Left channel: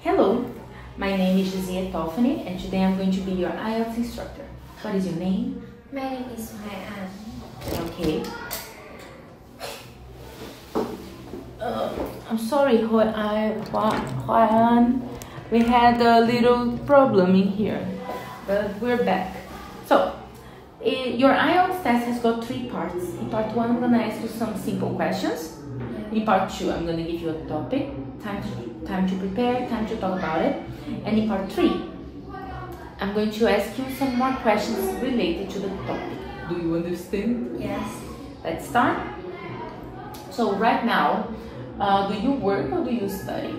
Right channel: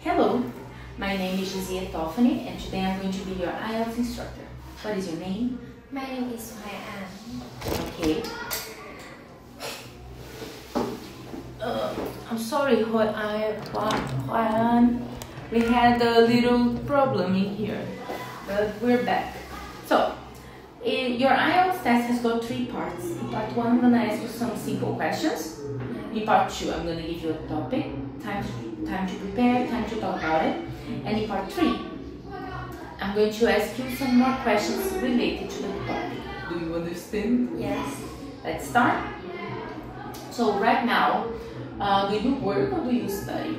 Hello, my name is Josiah Tolfany and today I'm going to be your IELTS instructor. What is your name? My name is Hoài An. Okay. I'm sorry, Hoài An. We had a little problem in here, but we're back. So, your IELTS test has got 3 parts. In part 1, I'm going to ask you some simple questions. In part 2, I'm going to give you a topic, time to prepare, time to talk about it. And in part 3, I'm going to ask you some more questions related to the topic. Do you understand? Yes. Let's start. So right now, do you work or do you study?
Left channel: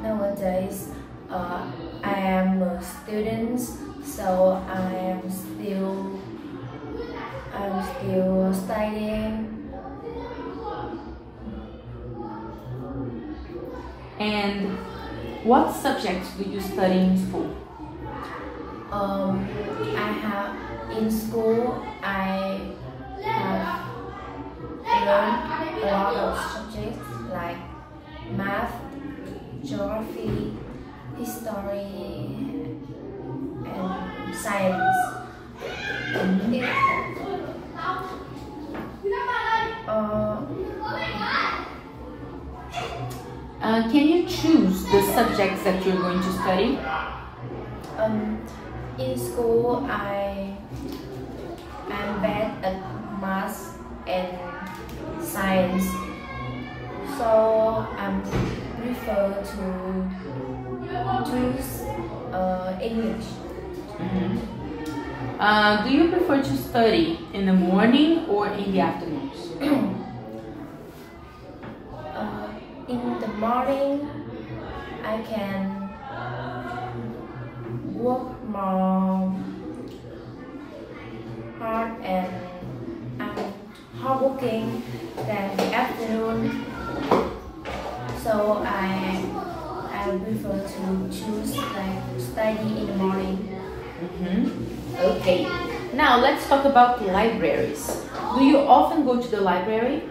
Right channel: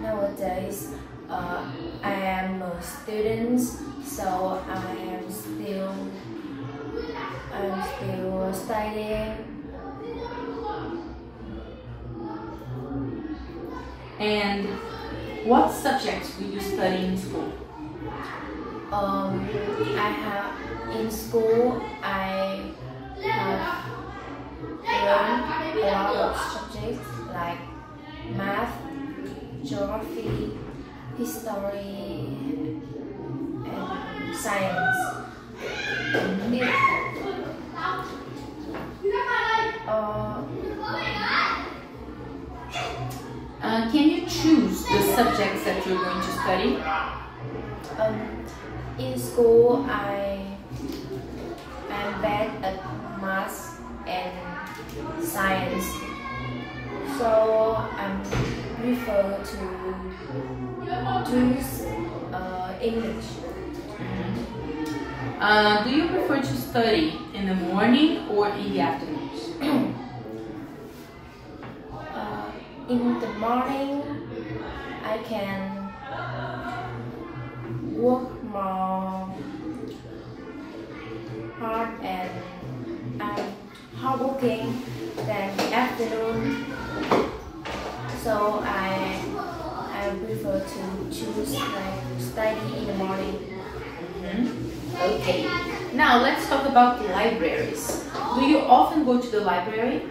Nowadays, I am a student, so I am still studying. And what subjects do you study in school? In school I have learned a lot of subjects like math, geography, history, and science. Can you choose the subjects that you're going to study? In school, I'm bad at math and science, so I prefer to choose English. Do you prefer to study in the morning or in the afternoons? In the morning, I can work more hard and I'm hardworking than the afternoon. So I prefer to choose study in the morning. Okay. Now let's talk about the libraries. Do you often go to the library?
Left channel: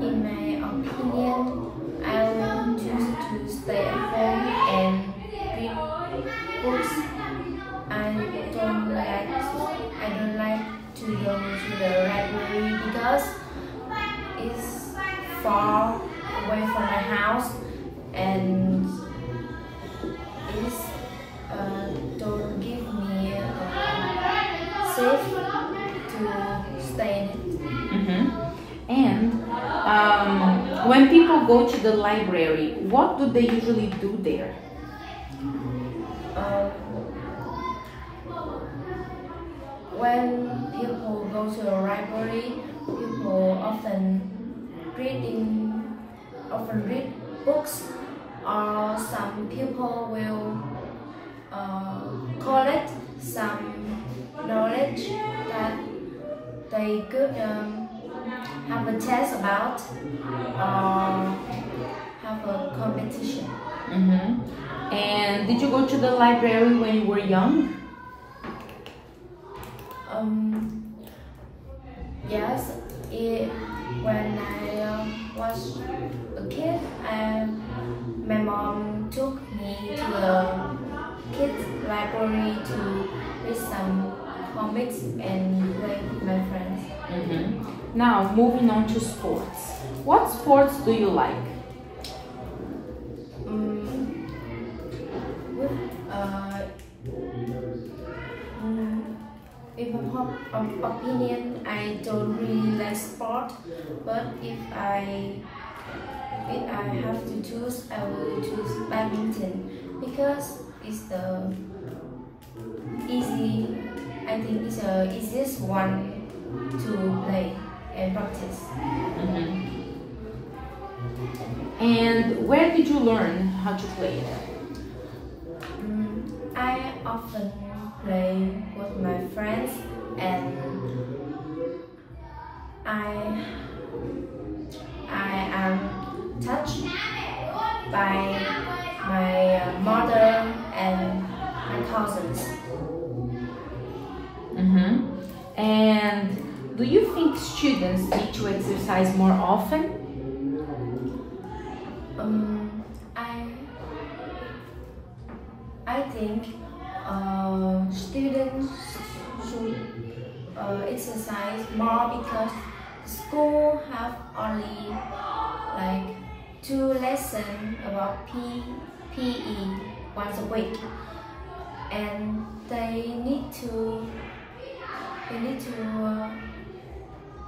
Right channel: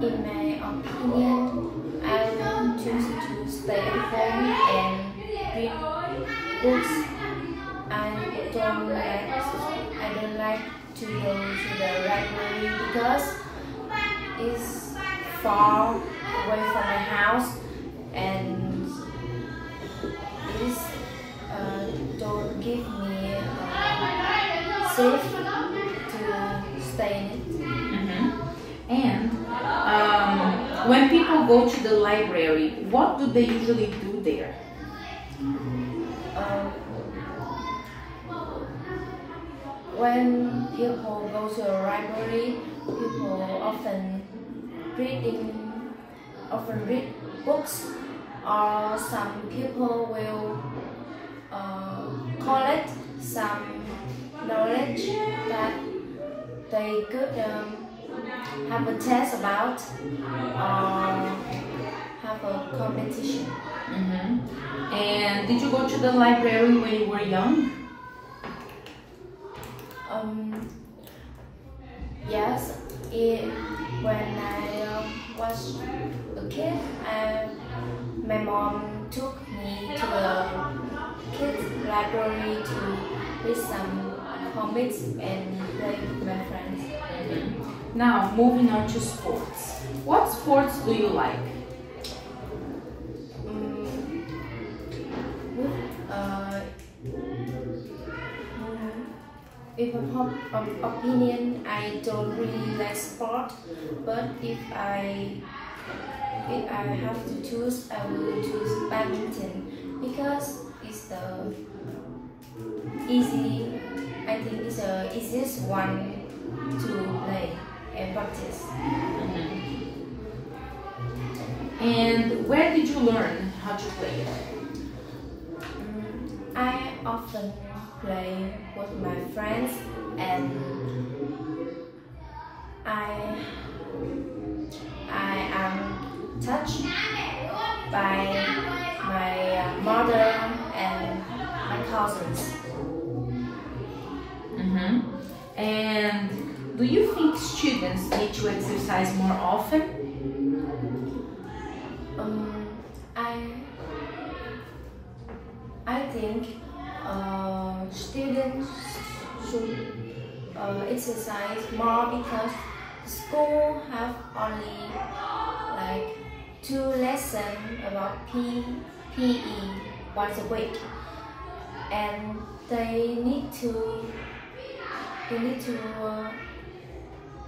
In my opinion, I will choose to stay at home and read books. I don't like to go to the library because it's far away from my house and it don't give me safe to stay in it. And when people go to the library, what do they usually do there? When people go to a library, people often read books, or some people will collect some knowledge that they could have a test about, have a competition. And did you go to the library when you were young? Yes. When I was a kid, my mom took me to the kids' library to read some comics and play with my friends. Now, moving on to sports. What sports do you like? In my opinion, I don't really like sport, but if I have to choose, I will choose badminton because it's the easiest one to play and practice. And where did you learn how to play it? I often play with my friends and I am touched by my mother and my cousins. And do Do you think students need to exercise more often? I think students should exercise more because school have only like 2 lessons about PE once a week, and they need to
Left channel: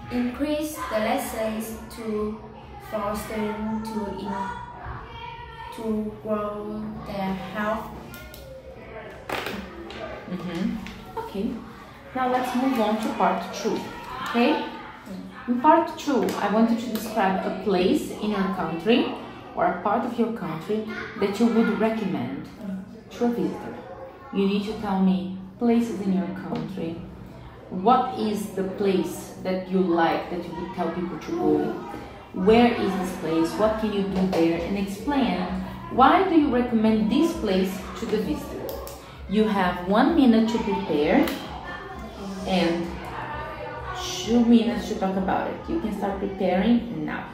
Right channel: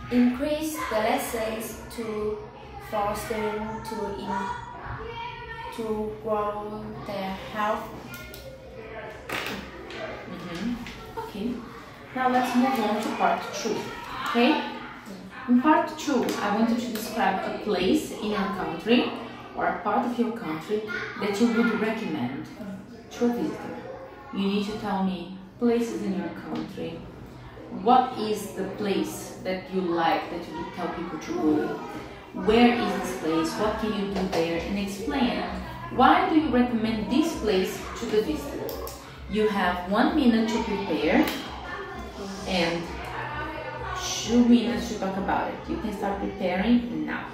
increase the lessons for students to grow their health. Okay, now let's move on to part 2. Okay, in part 2 I want you to describe a place in your country or a part of your country that you would recommend to a visitor. You need to tell me places in your country. What is the place that you like, that you would tell people to go? Where is this place? What can you do there? And explain why do you recommend this place to the visitor. You have 1 minute to prepare and 2 minutes to talk about it. You can start preparing now.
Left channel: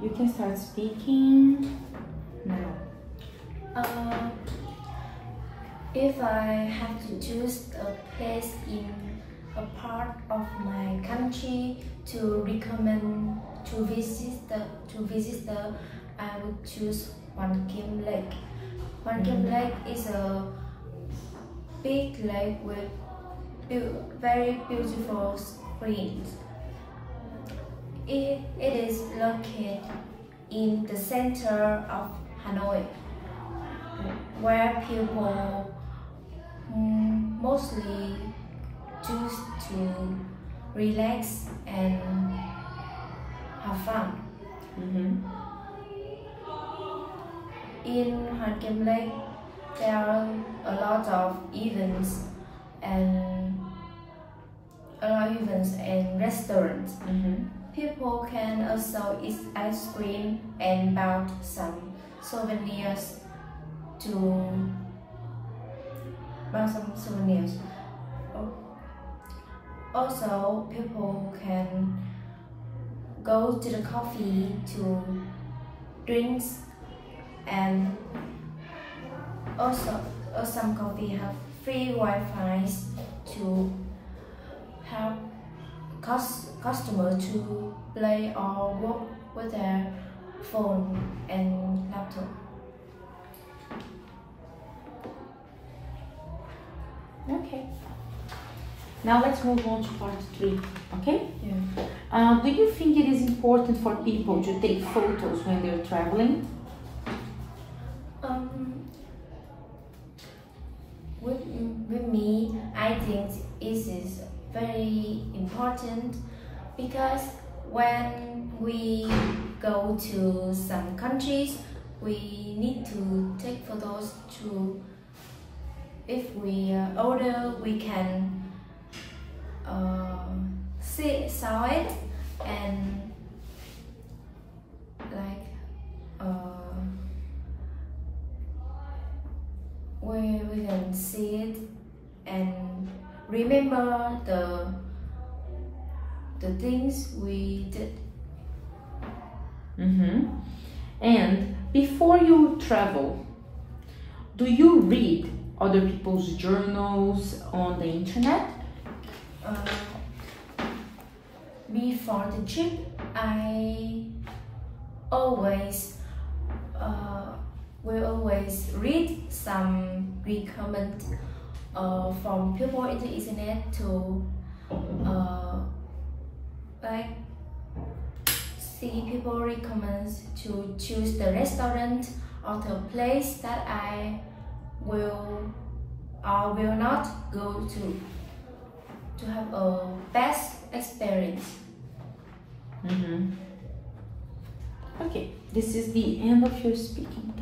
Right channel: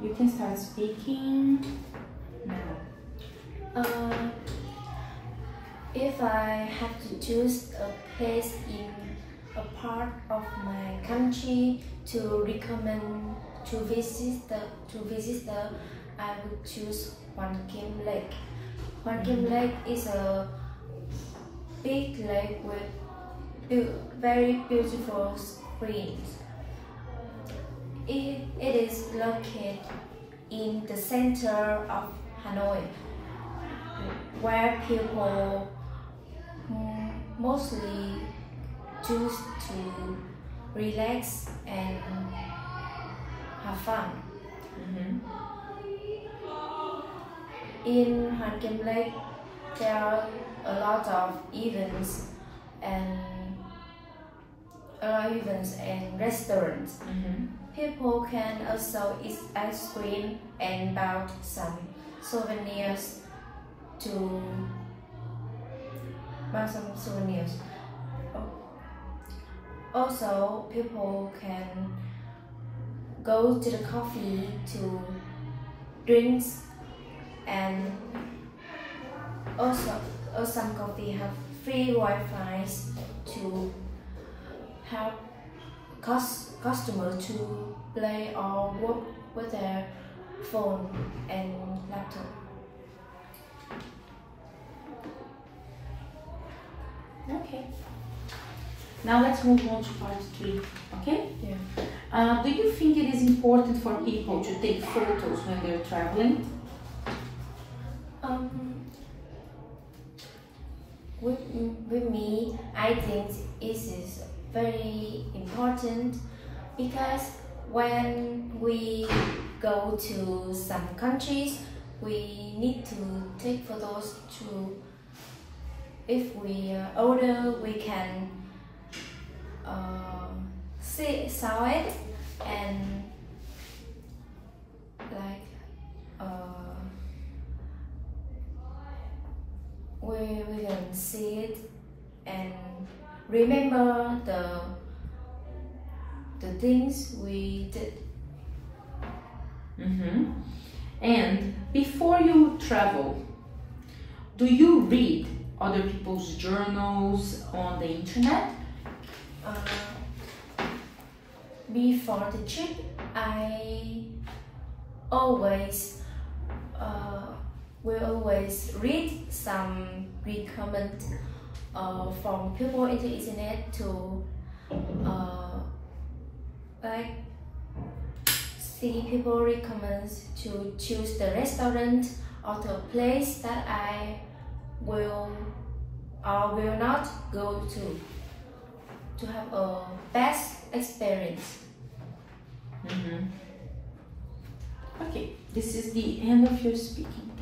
You can start speaking now. If I have to choose a place in a part of my country to recommend to visit I would choose Hoàn Kiếm Lake. Hoàn Kiếm Lake is a big lake with very beautiful screens. It is located in the center of Hanoi, where people mostly choose to relax and have fun. In Hoàn Kiếm Lake, there are a lot of events and restaurants. People can also eat ice cream and buy some souvenirs Also, people can go to the coffee to drinks, and also some coffee have free Wi-Fi to help customers to play or work with their phone and laptop. Okay. Now let's move on to part 3. Okay? Yeah. Do you think it is important for people to take photos when they're traveling? With me, I think it is very important because when we go to some countries, we need to take photos too. If we are older, we can saw it and we can see it and remember the things we did. And before you travel, do you read other people's journals on the internet? Before the trip, I always will always read some recommend from people in the internet to like see people recommend to choose the restaurant or the place that I will or will not go to have a best experience. Okay, this is the end of your speaking.